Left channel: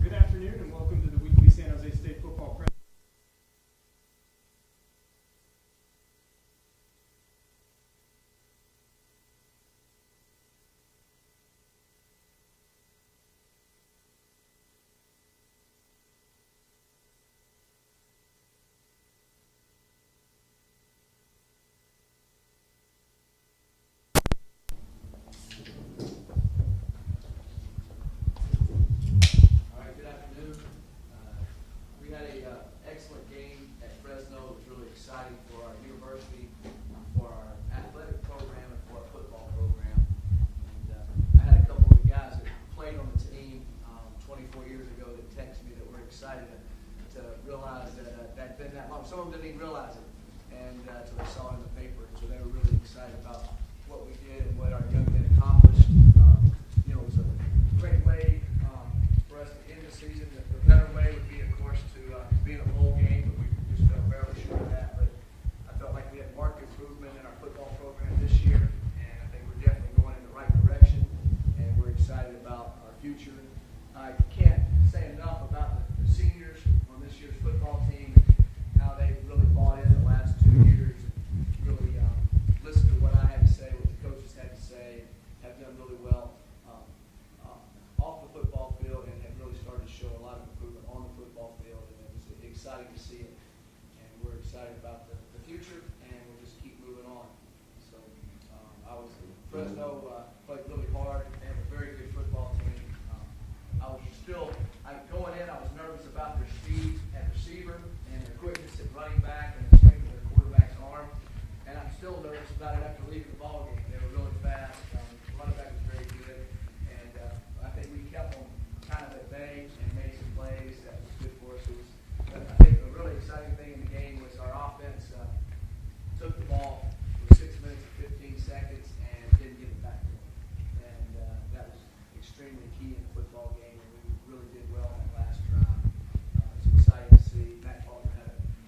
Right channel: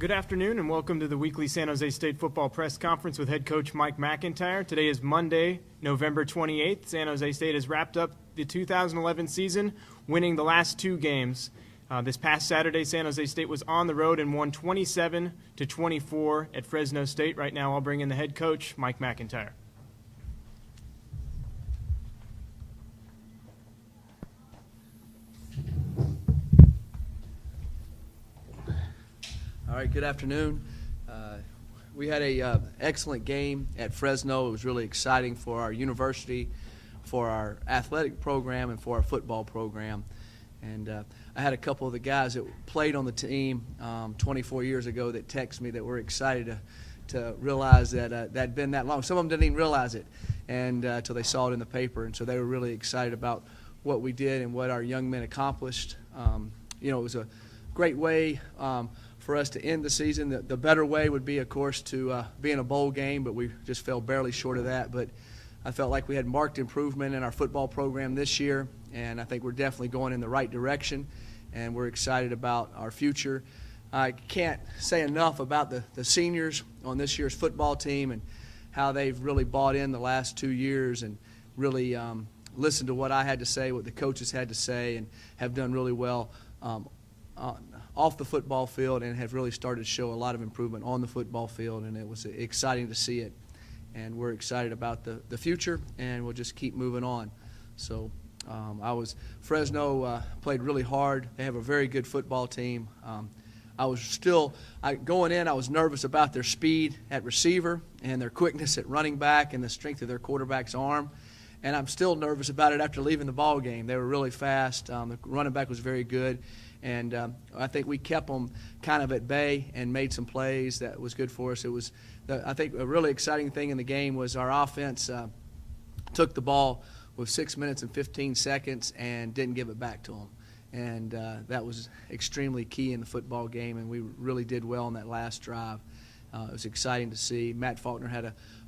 Good afternoon and welcome to the weekly San Jose State football press conference with head coach Mike MacIntyre. Today is Monday, November 28th. San Jose State has wrapped up the 2011 season, winning the last two games. This past Saturday, San Jose State was on the road and won 27-24 at Fresno State. Right now, I'll bring in the head coach, Mike MacIntyre. All right, good afternoon. We had a excellent game at Fresno. It was really exciting for our university, for our athletic program, and for our football program. And I had a couple of the guys that played on the team 24 years ago that texted me that were excited to realize that that had been that long. Some of them didn't even realize it until they saw it in the paper, and so they were really excited about what we did and what our young men accomplished. It was a great way for us to end the season. The better way would be, of course, to be in a bowl game, but we just fell barely short of that. But I felt like we had marked improvement in our football program this year, and I think we're definitely going in the right direction, and we're excited about our future. I can't say enough about the seniors on this year's football team and how they've really bought in the last 2 years and really listened to what I had to say, what the coaches had to say, and have done really well off the football field and have really started to show a lot of improvement on the football field, and it was exciting to see it. And we're excited about the future, and we'll just keep moving on. So Fresno played really hard. They have a very good football team. Going in, I was nervous about their speed at receiver and their quickness at running back and the strength of their quarterback's arm. And I'm still nervous about it after leaving the ball game. They were really fast. The running back was very good. And I think we kept them kind of at bay and made some plays that was good for us. I think a really exciting thing in the game was our offense took the ball with 6 minutes and 15 seconds and didn't give it back to them. And that was extremely key in the football game, and we really did well on that last drive. It was exciting to see. Matt Faulkner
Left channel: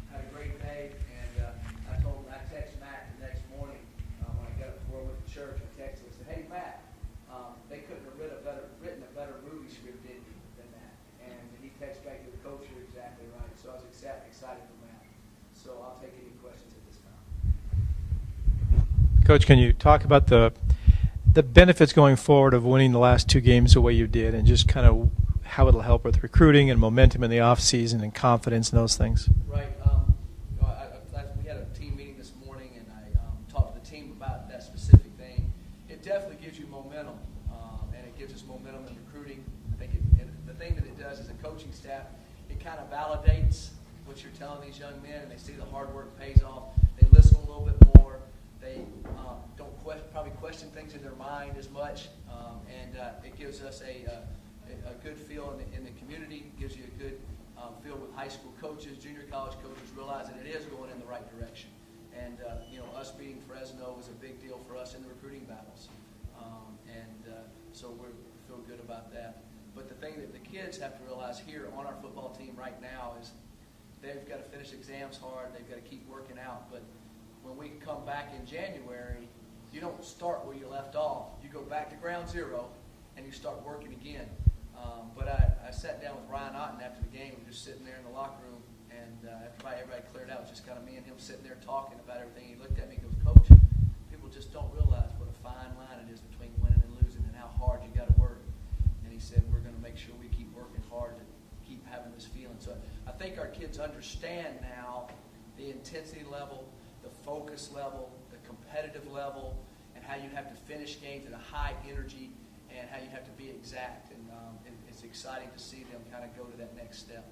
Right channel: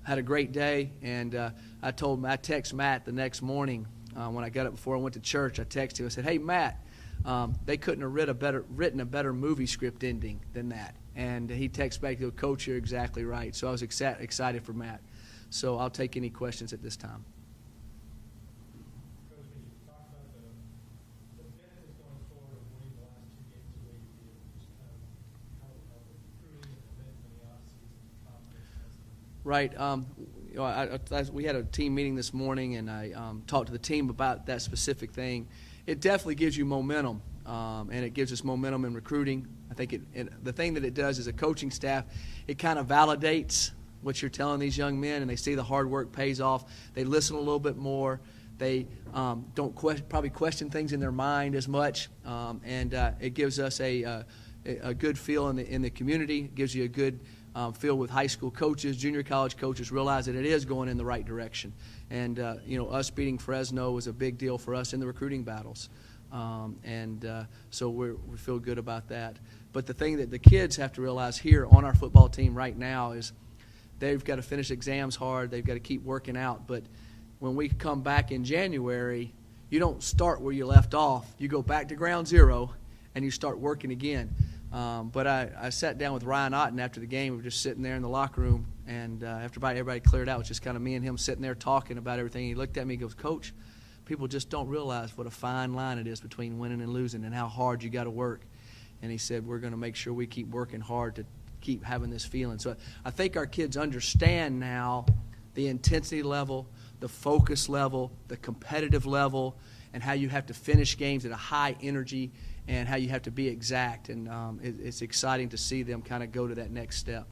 had a great day, and I texted Matt the next morning when I got up before I went to church. I texted him. I said, "Hey, Matt, they couldn't have written a better movie script ending than that." And he texted back, "Coach, you're exactly right." So I was excited for Matt. So I'll take any questions at this time. Coach, can you talk about the benefits going forward of winning the last two games the way you did, and just kind of how it'll help with recruiting and momentum in the offseason and confidence and those things? Right. We had a team meeting this morning, and I talked to the team about that specific thing. It definitely gives you momentum, and it gives us momentum in recruiting. I think the thing that it does as a coaching staff, it kind of validates what you're telling these young men, and they see the hard work pays off. They listen a little bit more. They don't probably question things in their mind as much, and it gives us a good feel in the community. It gives you a good feel with high school coaches, junior college coaches realize that it is going in the right direction. And us beating Fresno was a big deal for us in the recruiting battles, so we feel good about that. But the thing that the kids have to realize here on our football team right now is they've got to finish exams hard. They've got to keep working out. But when we come back in January, you don't start where you left off. You go back to ground zero, and you start working again. But I sat down with Ryan Otten after the game. We were just sitting there in the locker room, and after everybody cleared out, it was just kind of me and him sitting there talking about everything. He looked at me and goes, "Coach, people just don't realize what a fine line it is between winning and losing and how hard you got to work." And he said, "We're going to make sure we keep working hard to keep having this feeling." So I think our kids understand now the intensity level, the focus level, the competitive level, and how you have to finish games at a high energy and how you have to be exact. And it's exciting to see them kind of go to that next step.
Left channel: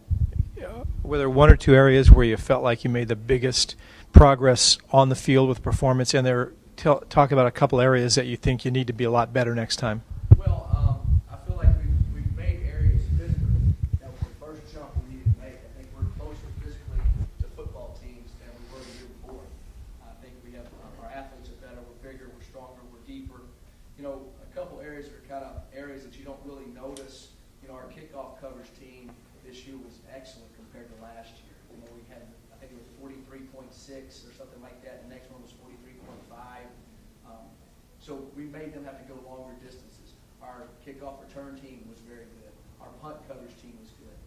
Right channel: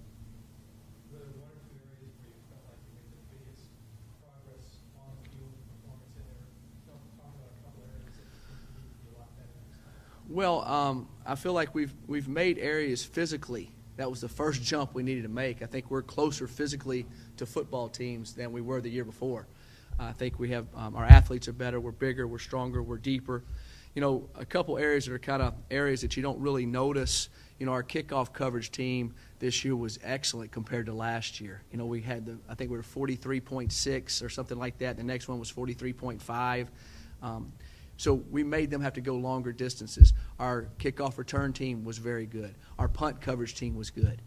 Were there one or two areas where you felt like you made the biggest progress on the field with performance, and talk about a couple areas that you think you need to be a lot better next time? Well, I feel like we've made areas physically. That was the first jump we needed to make. I think we're closer physically to football teams than we were the year before. I think we have our athletes are better. We're bigger. We're stronger. We're deeper. A couple areas that are kind of areas that you don't really notice. Our kickoff coverage team this year was excellent compared to last year. We had I think we were 43.6 or something like that. The next one was 43.5. So we made them have to go longer distances. Our kickoff return team was very good. our punt coverage team was good.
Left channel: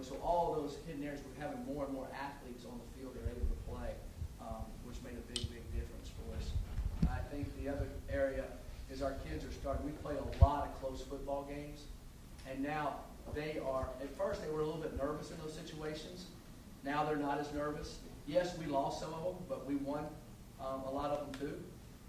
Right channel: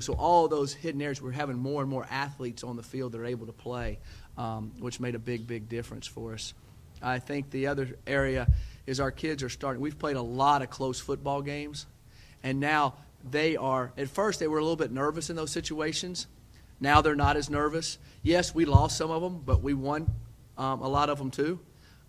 So all those hidden areas, we're having more and more athletes on the field that are able to play, which made a big, big difference for us. I think the other area is our kids are starting. We've played a lot of close football games, and now they are, at first they were a little bit nervous in those situations. Now they're not as nervous. Yes, we lost some of them, but we won a lot of them too,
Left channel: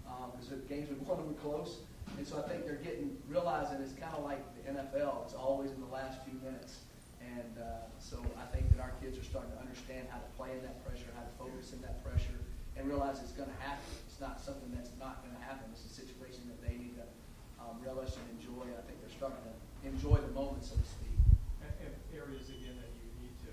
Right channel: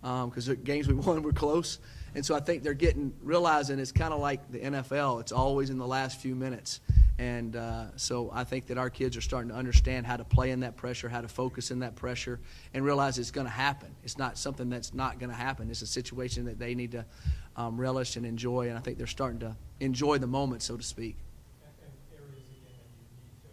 because the games we won were close. And so I think they're realizing it's kind of like the NFL. It's always in the last few minutes. And so I think that our kids are starting to understand how to play in that pressure, how to focus in that pressure, and realize it's going to happen. It's not something that's not going to happen. It's a situation that they need to relish and enjoy, and I think they're starting to enjoy the moment, so to speak. And areas, again, that you need to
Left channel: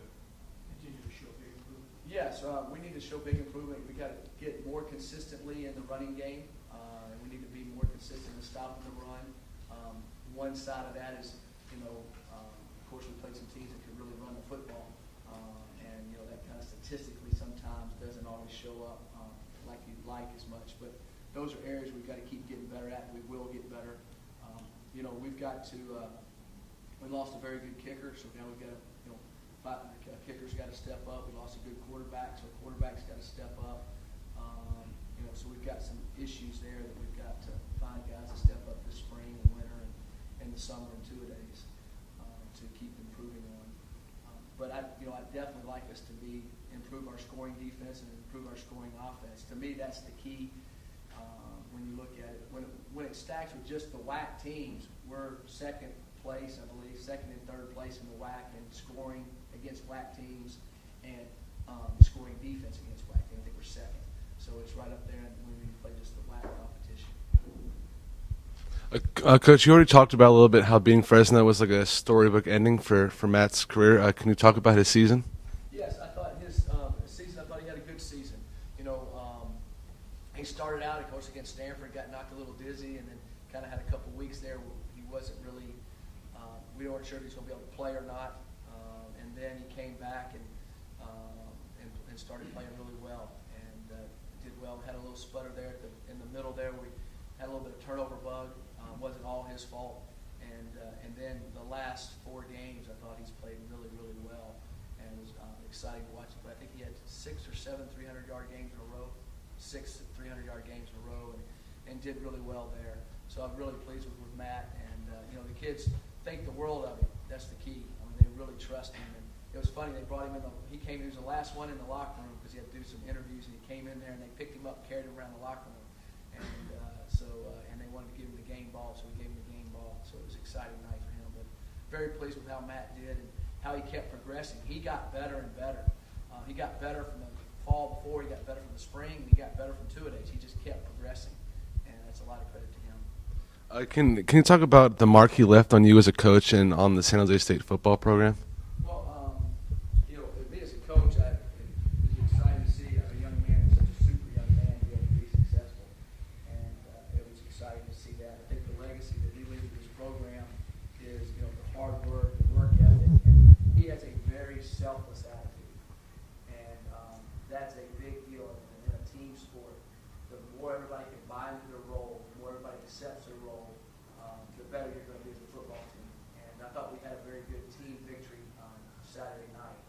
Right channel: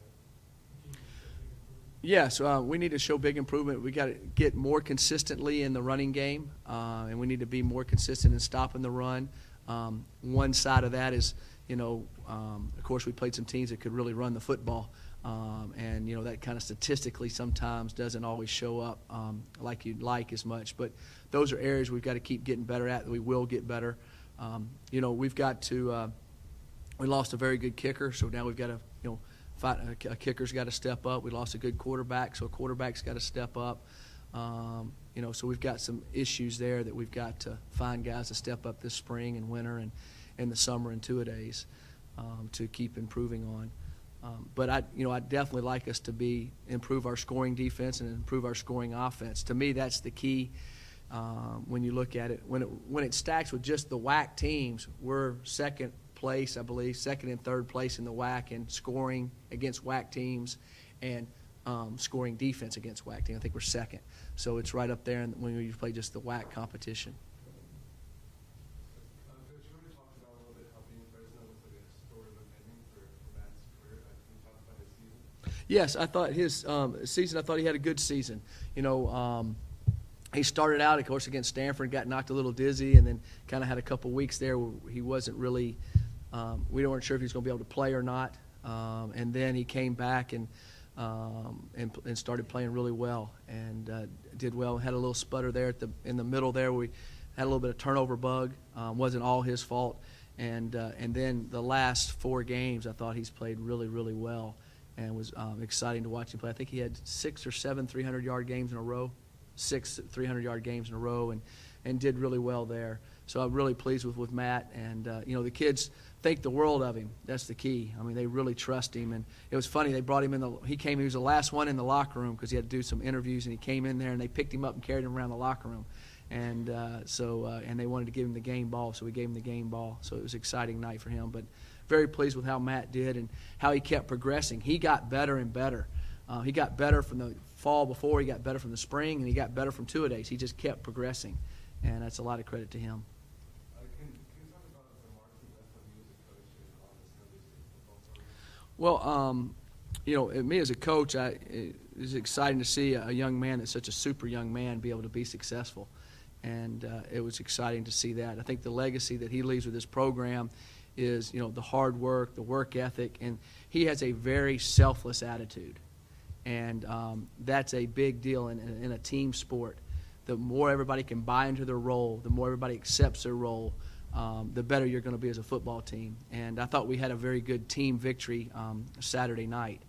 continue to show big improvement? Yes, we need to show big improvement. We got to get more consistently in the running game, and we need to be more consistent in stopping the run. One side of that is, of course, we played some teams that could really run the football, and that kind of statistically sometimes doesn't always show up like you'd like as much. But those are areas we've got to keep getting better at. We will get better. We've got to. We lost a very good kicker, so now we've got to, fight. A kicker's got to step up. We lost a good quarterback, so a quarterback's got to step up. So we've got some issues there that we've got to find guys to step up this spring and winter and in the summer and two-a-days to keep improving on. But I'd definitely like us to improve our scoring defense and improve our scoring offense. To me, that's the key. When you look at it, when it stacks with just the WAC teams, we're second place, I believe, second and third place in the WAC in scoring against WAC teams and scoring defense against WAC teams. I think we're second. So it's right up there when you play just the WAC competition. Coach, you already talked about a little bit how being Fresno was like a storybook ending for Matt's career. Can you talk about his season? Yes, I thought his season, I thought he had a good season. He started out, of course, against Stanford, got knocked a little dizzy, and then kind of had a couple weeks there where he wasn't really we weren't sure if he was going to be able to play or not. And then he came back and started playing really well and did well. Had a little sputter there in the middle there. We had a little bit of turnover bug. Wasn't all his fault. And then the last 4 games, I thought he's played really, really well, and was exciting to watch him play. I think he had 6 or 7 300-yard games in a row, 6 300-yard games in a row, and did really well there. So I'm really pleased with Matt. And, the kids think the world of him. That's the key. I mean, they really trust him. And it was funny. They brought him in. He was the last one in the locker room because he had to do some interviews, and he came in there, and they picked him up and carried him around the locker room. And and they wanted to give him the game ball, so we gave him the game ball. So it was an exciting night for him. But very pleased with how Matt did and how he kept progressing. He got better and better. He got better from the fall before. He got better from the spring, and he got better from two-a-days. He just kept progressing, and that's a lot of credit to him. Can you talk about the mark he left on you as a coach and on the San Jose State football program? Well, me as a coach, it was exciting to see a young man that's such a super young man be able to be successful. And it was exciting to see that. I think the legacy that he leaves with this program is, the hard work, the work ethic, and he has a very selfless attitude. And that's a big deal in a team sport. The more everybody can buy into their role, the more everybody accepts their role, the better you're going to be as a football team. And I thought we had a very good team victory Saturday night.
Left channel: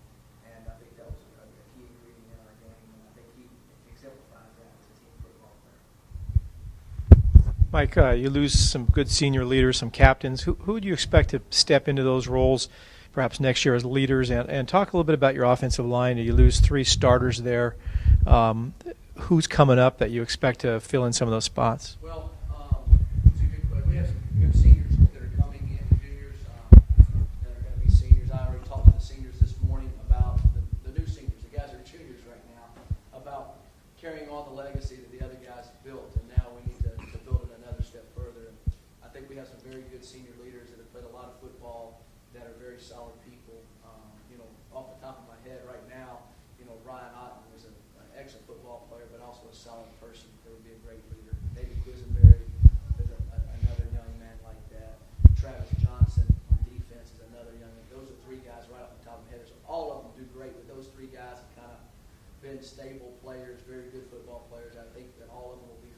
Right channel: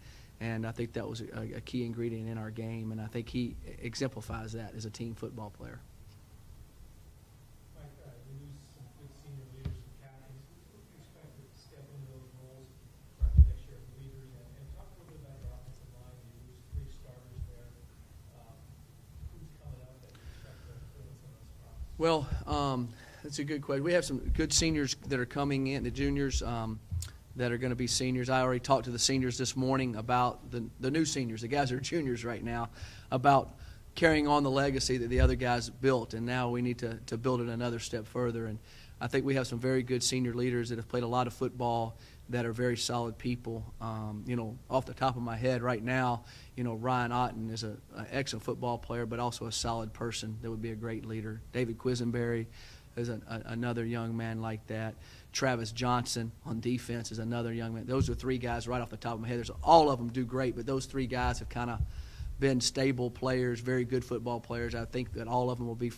And I think that was a key ingredient in our game, and I think he exemplifies that as a team football player. Mike, you lose some good senior leaders, some captains. Who do you expect to step into those roles perhaps next year as leaders? And talk a little bit about your offensive line. You lose 3 starters there. Who's coming up that you expect to fill in some of those spots? Well, that's a good question. We have some good seniors that are coming in, the juniors that are going to be seniors. I already talked to the seniors this morning about the new seniors, the guys that are juniors right now, about carrying on the legacy that the other guys built, and now we need to build it another step further. And I think we have some very good senior leaders that have played a lot of football that are very solid people. Off the top of my head right now, Ryan Otten is an excellent football player, but also a solid person that would be a great leader. David Quisenberry is another young man like that. Travis Johnson on defense is another young man. Those are 3 guys right off the top of my head. All of them do great, but those 3 guys have kind of been stable players, very good football players. I think that all of them will be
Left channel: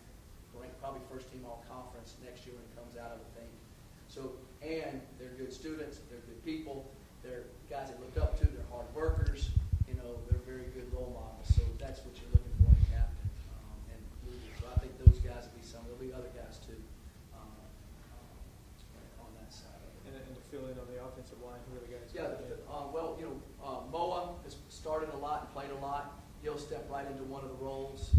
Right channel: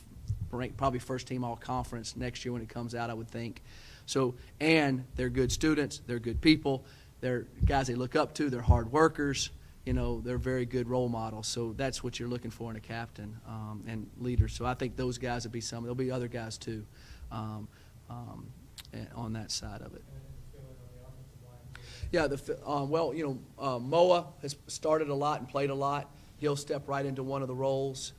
ranked probably first team all conference next year when it comes out, I would think. So, and they're good students, they're good people, they're guys they look up to, they're hard workers. They're very good role models. So that's what you're looking for in a captain and leaders. So I think those guys will be some. There'll be other guys too on that side of it. And to fill in on the offensive line, who are the guys? Yeah, Moa has started a lot and played a lot. He'll step right into one of the roles.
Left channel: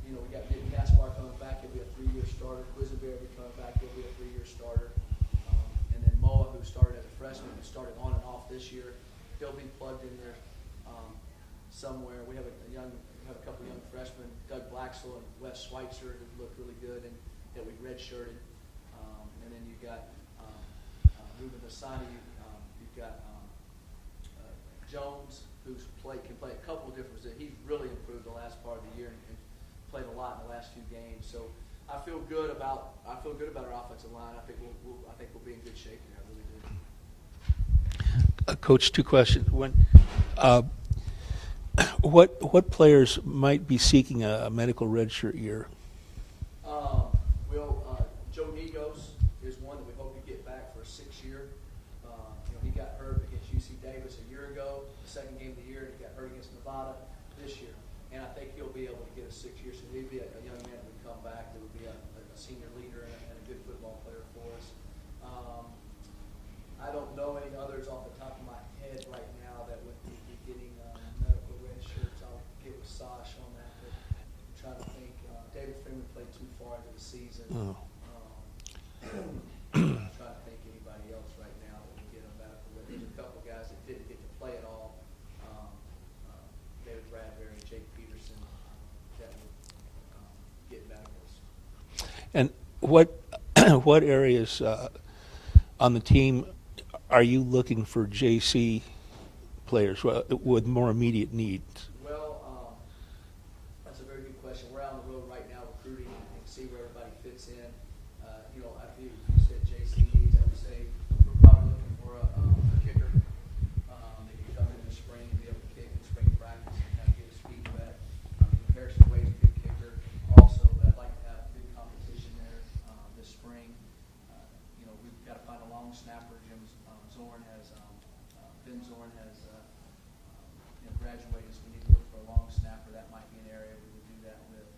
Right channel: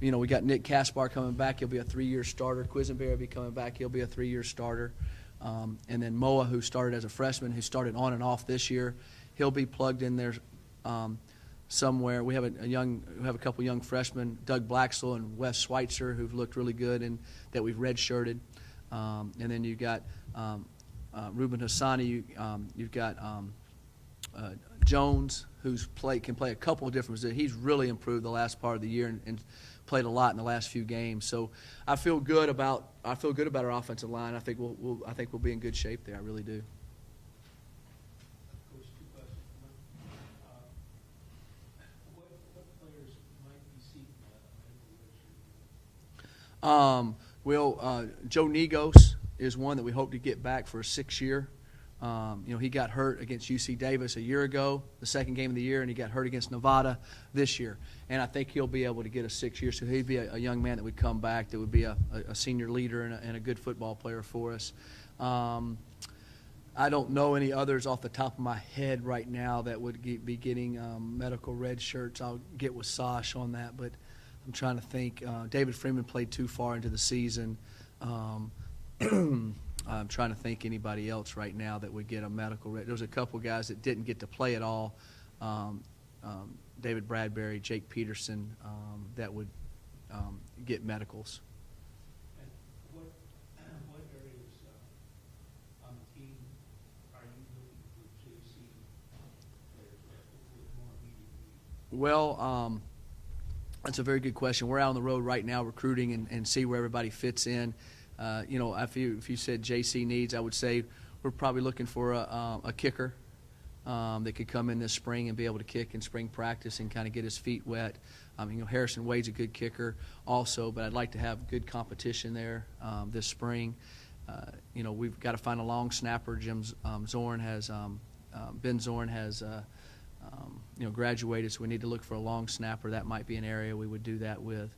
We got Nick Kaspar coming back. He'll be a 3-year starter. Quisenberry will be coming back. He'll be a 3-year starter. And then Moa, who started as a freshman, who started on and off this year, he'll be plugged in there somewhere. We have a couple young freshmen, Doug Blacksell and Wes Schweitzer, who've looked really good and that we've redshirted. And then you've got Ruben Hassani. You've got Jones, who's can play a couple of different positions. He's really improved the last part of the year and played a lot in the last few games. So I feel good about our offensive line. I think we'll be in good shape there. I really do. Coach, 2 questions. What players might be seeking a medical redshirt year? Joe Negos is one that we hope to get back for a 6th year. He got hurt against UC Davis a year ago, the second game of the year, and he got hurt against Nevada this year. And I think he'll be able to get a 6th year. So he'd be a young man that would come back that would be a senior leader and a good football player for us. I don't know any others off the top of my head right now that would be getting medical red shirts. I'll get with Sash on that, but I'm trying to think. David Freeman played too far into the season. I'm trying to think anybody else right now that would get a medical red. There's a couple guys that didn't get to play at all. David Bradbury, Jake Peterson, that would get medicals. And what areas on the team are you looking for JC players with more immediate needs? Well, that's a very good question. We're out on the road right now recruiting and see where everybody fits in. If you said JC needs, I would say we're probably looking for a kicker that could come in this spring and be able to kick in spring practice and kind of get his feet wet. Harrison Wade's a good kicker also, but I'd like to have good competition there this spring. We've got to find a long snapper. Zorn has Ben Zorn has graduated, so we need to look for a long snapper. That might be an area we would do that with.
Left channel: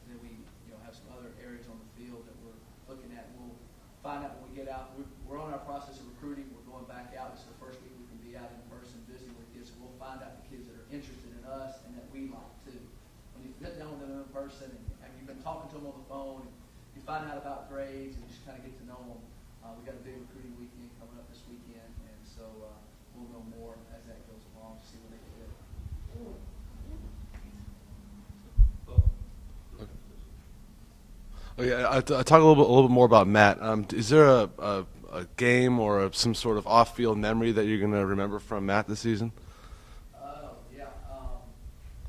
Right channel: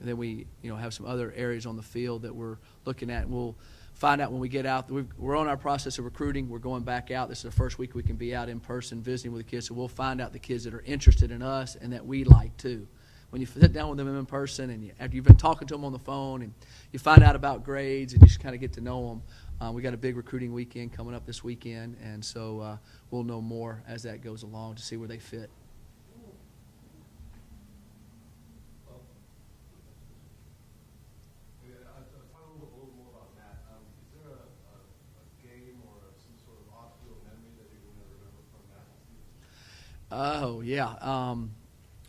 And then we have some other areas on the field that we're looking at. And we'll find out when we get out. We're on our process of recruiting. We're going back out. This is the first week we can be out in person visiting with the kids. So we'll find out the kids that are interested in us and that we like too. When you sit down with them in person and after you've been talking to them on the phone and you find out about grades and you just kind of get to know them. We got a big recruiting weekend coming up this weekend, and so we'll know more as that goes along to see where they fit. I talk a little bit more about Matt. Is there a game or some sort of off-field memory that you're going to remember from Matt this season? Oh yeah,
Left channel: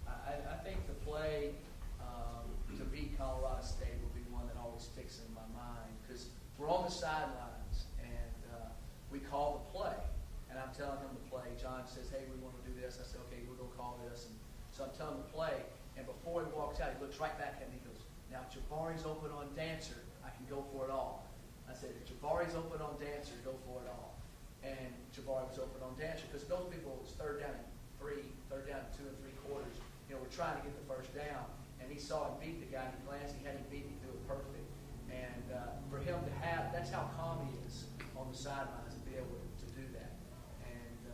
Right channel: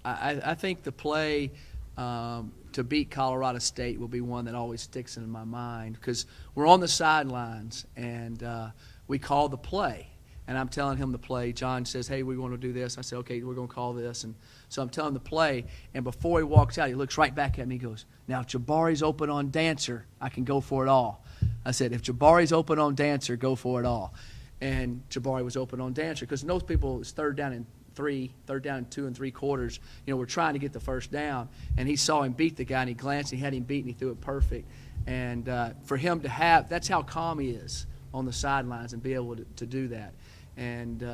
I think the play to beat Colorado State will be one that always sticks in my mind because we're on the sidelines and we call the play, and I'm telling him the play. John says, "Hey, we want to do this." I say, "Okay, we're going to call this," and so I'm telling him the play, and before he walks out, he looks right back at me. He goes, "Now, if Jabari's open on Dancer, I can go for it all." I said, "If Jabari's open on Dancer, go for it all." And Jabari was open on Dancer because most people, it's third down and 2 3/4. We're trying to get the first down, and he saw him beat the guy, and he glanced, he had him beat, and he threw it perfect. And for him to have, that's how calm he is on the sidelines and be able to do that. And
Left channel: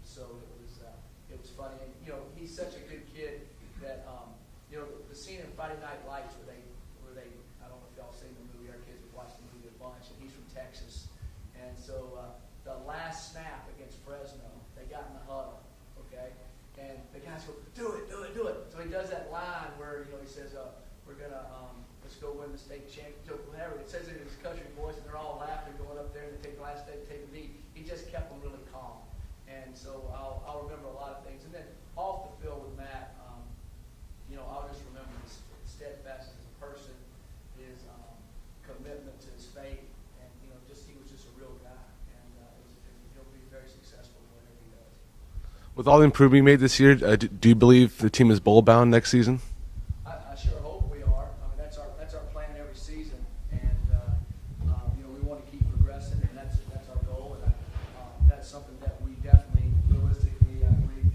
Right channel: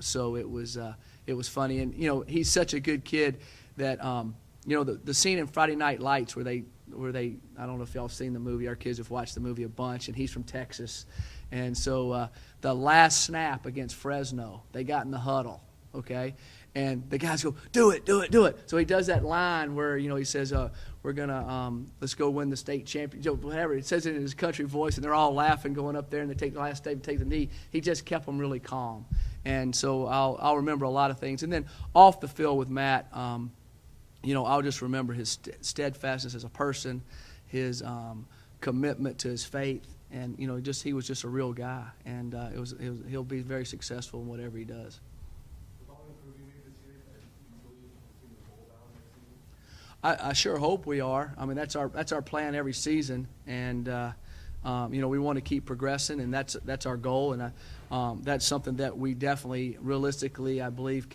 so it was funny. And, he's such a good kid that, the scene in Friday Night Lights where they, I don't know if y'all have seen the movie. Our kids have watched the movie a bunch, and he's from Texas. And so the last snap against Fresno, they got in the huddle, okay? And the guys go, do it, do it, do it. So he does that line where, he says, we're going to, let's go win the state championship, whatever. He says it in his country voice, and they're all laughing going up there, and they take the last day to take the knee. He just kept them really calm. And so I'll remember a lot of things. And then off the field with Matt, I'll just remember his steadfastness as a person, his commitment to his faith, and he was just a real guy, and he'll be very successful in whatever he does. With all the improvement you made this year, do you believe the team is bowl bound next season? I sure hope we are. I mean, that's our plan every season, and We want to keep progressing, and that's our goal, and that's something that we definitely, realistically, I believe,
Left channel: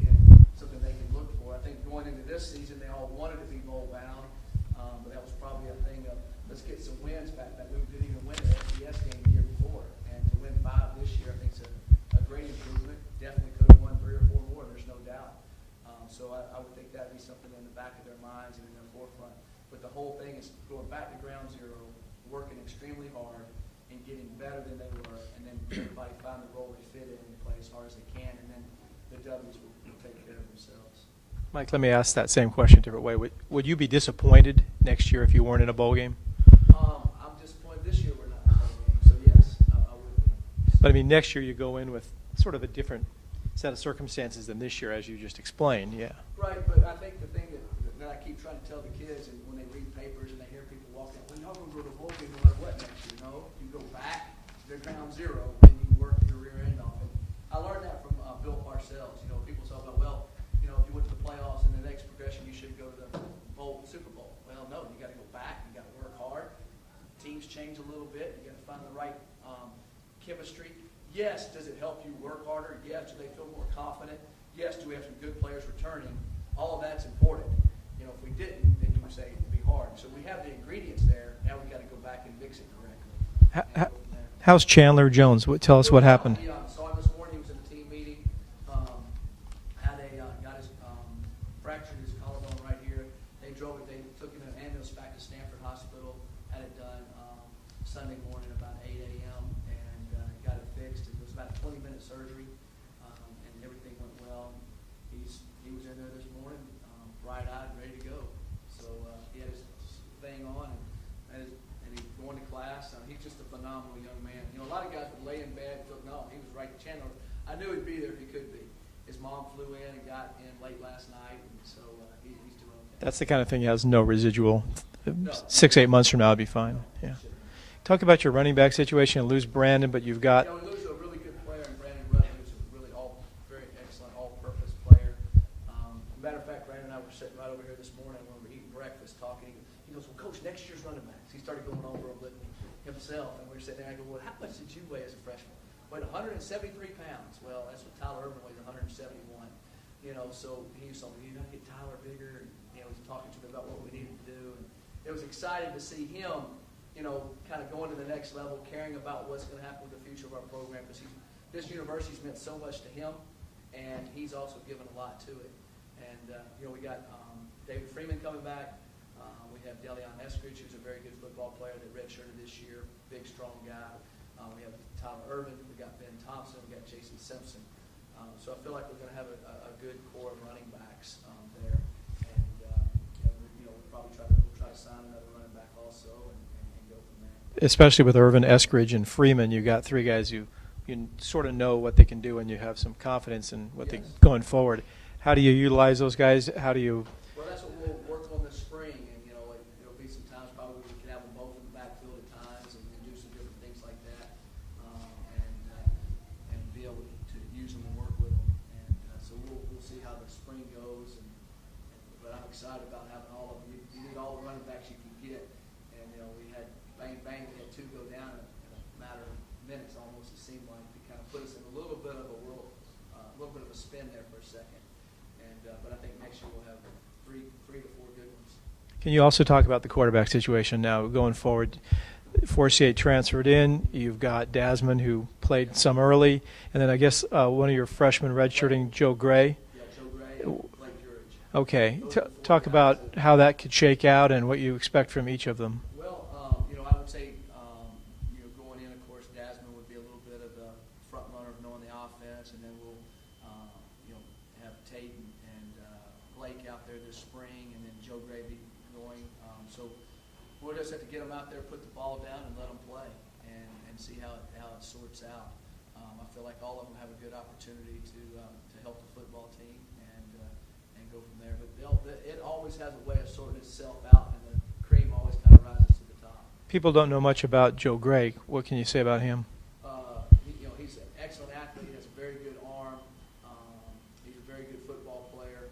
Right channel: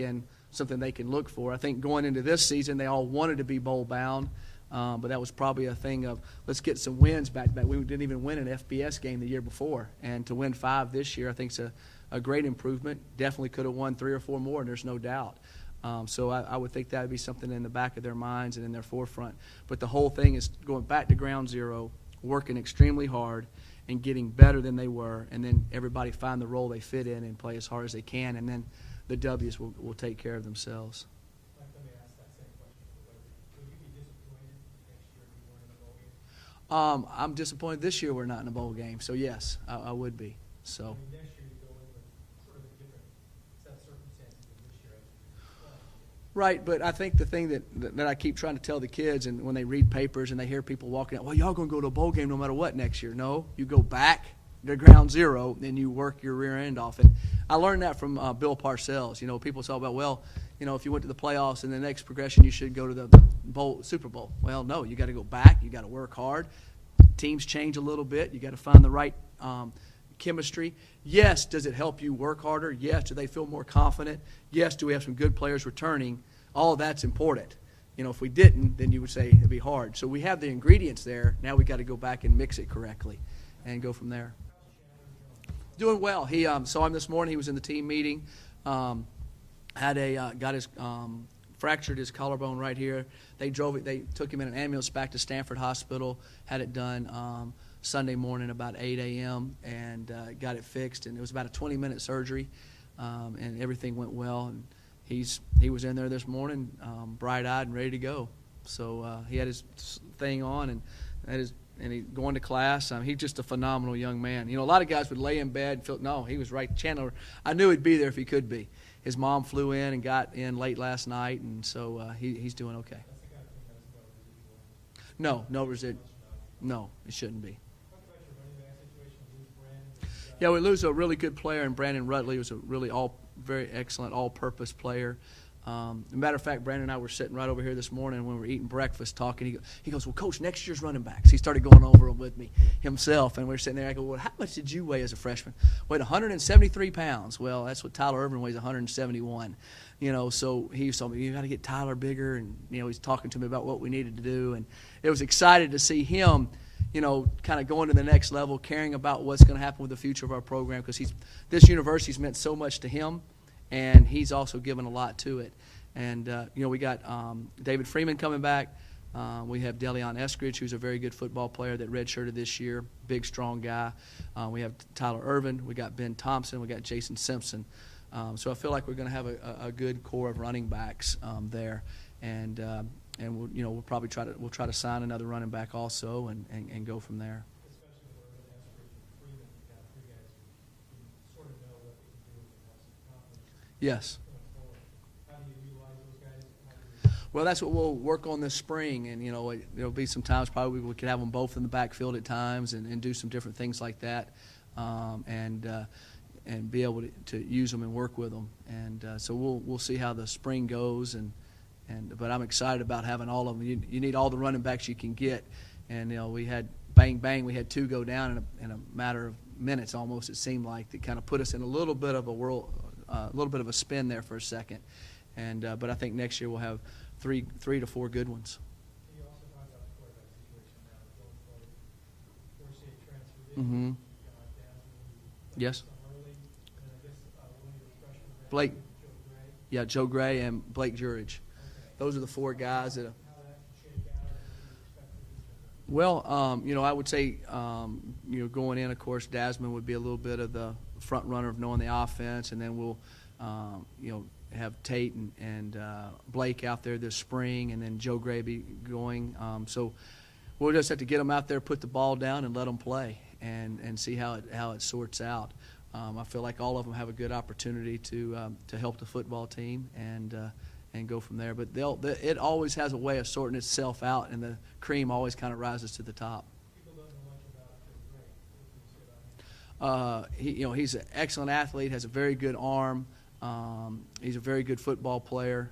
something they can look for. I think going into this season, they all wanted to be bowl bound, but that was probably a thing of let's get some wins back. We didn't even win an FBS game the year before, and to win 5 this year, I think is a great improvement. Definitely could have won 3 or 4 more, and there's no doubt. So I would think that would be something in the back of their minds and in their forefront. But the whole thing is going back to ground zero, working extremely hard, and getting better than they were, and then everybody find the role they fit in and play as hard as they can, and then the W's will take care of themselves. Mike, let me ask that same question a different way. Would you be disappointed next year if you weren't in a bowl game? I'm disappointed this year we're not in a bowl game, so yes, I would be. So. But I mean, next year you go in with sort of a different set of circumstances than this year, as you just explained. Yeah. Right, but I think the thing that I keep trying to tell the kids, and when they read papers and they hear people walking out, well, y'all going to go to a bowl game no matter what next year. No, you go back to ground zero, and you work your rear end off. And I learned that from Bill Parcells. People talk about, well, if you went to the playoffs, in the next progression you should go to the Super Bowl. Well, no, you got to go back. You got to work hard. Teams change a little bit. You got to find the right chemistry. Yes, does it help you work harder? Yes, do they feel more confident? Yes, do we have some good players returning? All of that's important. If we didn't, then you would say it'd be hard. So we have the ingredients there. Now we got to go back and mix it correctly and go from there. How's Chandler Jones? Tell us what happened. He saw him this morning. He was in the team meeting. Fractured his collarbone right here. They took him in an ambulance back to Stanford Hospital. Had it done Sunday morning about 8 a.m. and got it fixed. And it was about a 20-minute surgery, and everything went well. And he was in there this morning, bright-eyed and ready to go. So he had his thing on and he going to class. He's just a phenomenal young man. A lot of guys would lay in bed and feel, no, he was right. Chandler, I knew he'd be there if he could be. His mom flew in and got in late last night, and so he's doing okay. That's the kind of thing that has no residual. No. 6-8 months from now, it'll be fine. No, yeah. it shouldn't be. Talk about your running back situation. You lose Brandon, but you've got. Yeah, we lose a really good player, and Brandon Rutley was a really very excellent all-purpose player. As a matter of fact, Brandon and I were sitting right over here this morning when we were eating breakfast talking. He goes, well, Coach, next year's running backs. He started going over them with me himself, and we were sitting there. I go, well, how much did you weigh as a freshman? Weighed 173 pounds. Well, that's what Tyler Irvin weighs, 171. So he told me, you got to get Tyler bigger, and, he's talking to me about what we needed to do. And it was excited to see him, kind of going to the next level, caring about what's going to happen with the future of our program, because this university's meant so much to him, and he's also given a lot to it. And, we got David Freeman coming back. We have Deleon Eskridge, who's a very good football player that redshirted this year, big, strong guy. We have Tyler Irvin. We got Ben Thompson. We got Jason Simpson. So I feel like we're going to have a good core of running backs there. And we'll probably try to sign another running back also and go from there. Especially with Irvin, Eskridge, and Freeman, you got 3 guys you sort of know what they can do, and you have some confidence in what Yes. going forward. How do you utilize those guys? How do you? Well, that's what we'll work on this spring, and there'll be some times probably we could have them both in the backfield at times and do some different things like that, and be able to use them and work with them. And so we'll see how the spring goes, but I'm excited about having all of them. You need all the running backs you can get, and we had bang, we had 2 go down in a matter of minutes almost. It seemed like that kind of put us in a little bit of a spin there for a second. But I think next year we'll have 3 to 4 good ones. Can you also talk about the quarterback situation now going forward? Forcier transferred in. Mm-hmm. You've got Dasman, who played Yes. some early, and then I guess one of your freshmen redshirting, Joe Gray. Yeah, Joe Gray and Blake Jurich. Okay, Those are the 4 talk guys about that- how that could shake out and what you expect from each of them. Well, I would say, going in, of course, Dasman would be a little bit of the front runner of knowing the offense, and then we'll, have Tate and Blake out there this spring, and then Joe Gray be going. So we'll just have to get them out there, put the ball down, and let them play, and see how it sorts out. I feel like all of them have a good opportunity to help the football team and go from there. But it always has a way of sorting itself out, and the cream always kind of rises to the top. People don't know much about Joe Gray. What can you say about him? He's an excellent athlete, has a very good arm. He's a very good football player,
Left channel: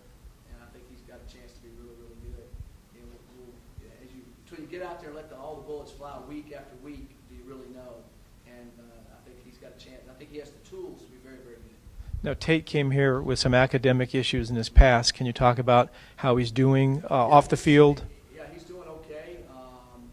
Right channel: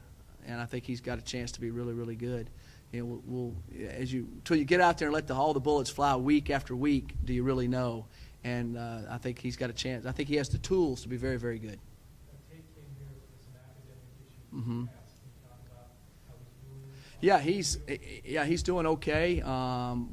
and I think he's got a chance to be really, really good. you know, until you get out there and let all the bullets fly week after week, do you really know? And I think he's got a chance. I think he has the tools to be very, very good. Now, Tate came here with some academic issues in his Mhm. past. Can you talk about how he's doing off the field? Yeah, he's doing okay.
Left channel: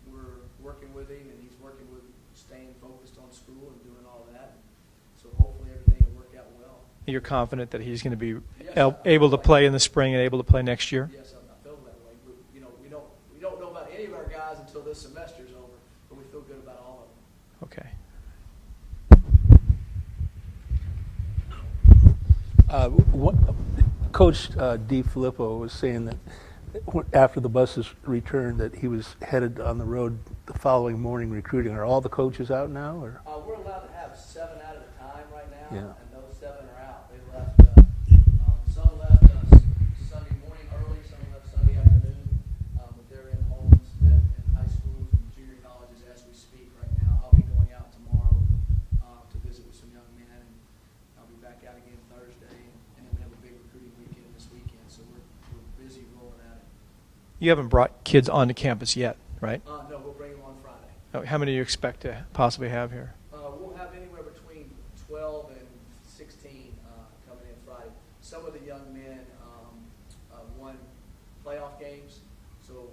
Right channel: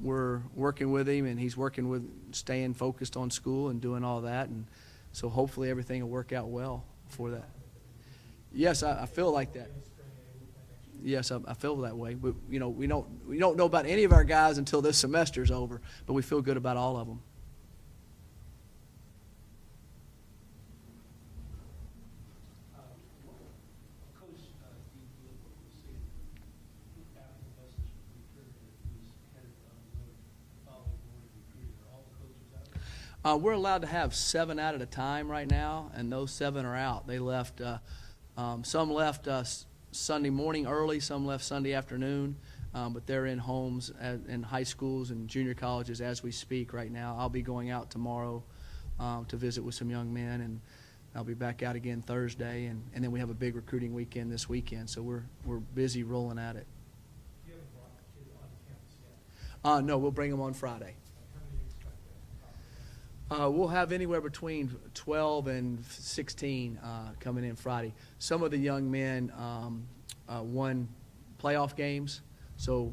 We're working with him, and he's working with staying focused on school and doing all that. And so hopefully everything will work out well. You're for him. confident that he's going to be Yes, I able feel to like play it. in the spring and able to play next year? Yes, I feel that way. But you know, we don't know about any of our guys until this semester's over. But we feel good about all of them. Okay. Coach DiFilippo was saying that after the buses returned that he was headed on the road the following morning recruiting. Are all the coaches out now? Or? We're allowed to have 7 out at a time right now, Yeah. and those 7 are out. They left. Some left Sunday morning early. Some left Sunday afternoon. But they're in homes in high schools and junior colleges as we speak right now. I'll be going out tomorrow to visit with some young men, and I'll be back out again Thursday, and then we have a big recruiting weekend this weekend, so we're busy rolling at it. You haven't brought kids onto campus yet, right? No, we'll bring them on Friday. How many do you expect to possibly have here? We'll have anywhere between 12 and 16 coming in Friday. Some of the young men won playoff games, so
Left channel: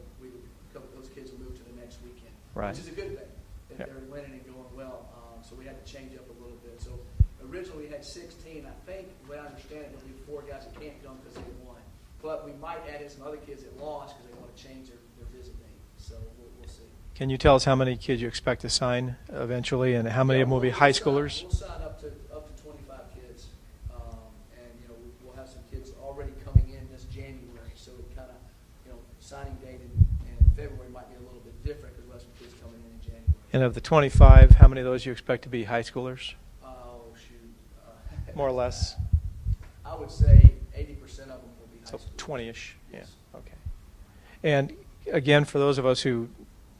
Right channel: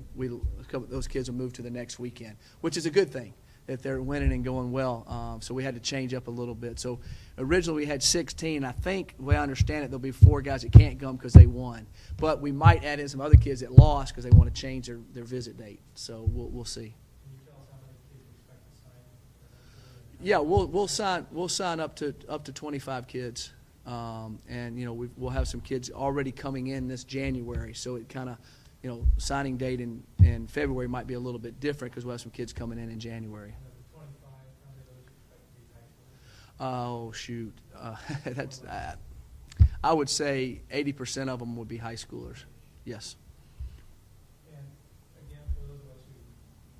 those kids will move to the next weekend, Right. which is a good thing, that Yeah. they're winning and going well. So we had to change up a little bit. So originally we had 16. I think, the way I understand it, there'll be 4 guys that can't come because they won. But we might add in some other kids that lost because they want to change their visit date. So we'll see. Can you tell us how many kids you expect to sign eventually, and how many Yeah, of them will be high schoolers? We'll sign up to 25 kids, and you know we'll have some kids already coming in this January. So it kind of, you know, signing date in February might be a little bit different because we'll have some kids coming in January. And of the 25, how many of those you expect to be high schoolers? Oh shoot, More or less? I would say 80% of them would be high schoolers. 20-ish? Yes. Yeah. Okay. And again, for those of us who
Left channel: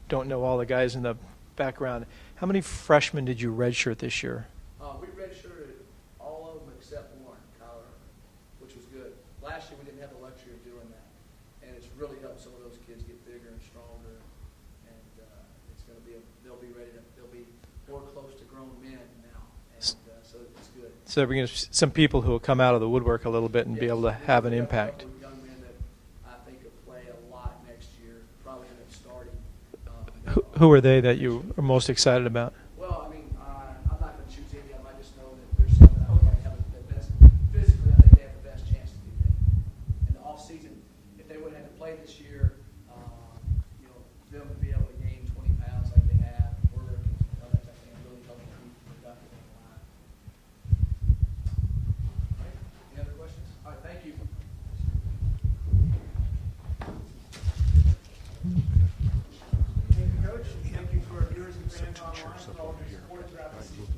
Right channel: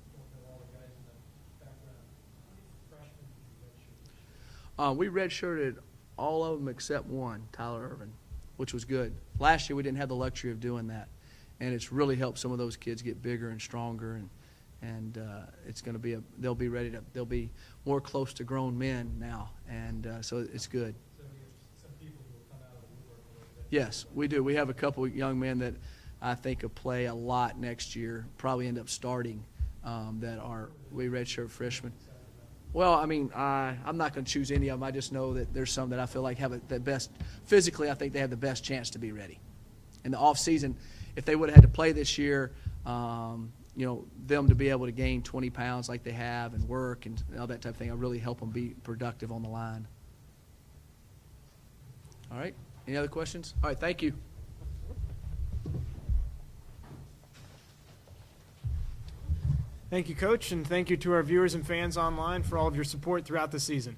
don't know all the guys in the background, how many freshmen did you redshirt this year? We redshirted all of them except one, Tyler Irvin, which was good. Last year we didn't have the luxury of doing that, and it's really helped some of those kids get bigger and stronger, and it's going to be they'll be more close to grown men now, and so it's good. So they're bringing some people who will come out of the woodwork a little bit and be able to we have do. an We have impact. a couple of young men that I think will play a lot next year, probably end up starting. Who are they that redshirt you are freshmen. most excited about? Well, I mean, I'm not going to choose any of them. I just know that there's some that I feel like have the best, physically I think they have the best chance to be ready. In the off season, if they would have had to play this year, you know, them to be able to gain 20 pounds like they have and work and all that type of thing, will really help them be productive on the line. All right, any other questions? All right, thank you. Thank you, Coach, and thank you to our viewers and fans online for all of your support throughout the season.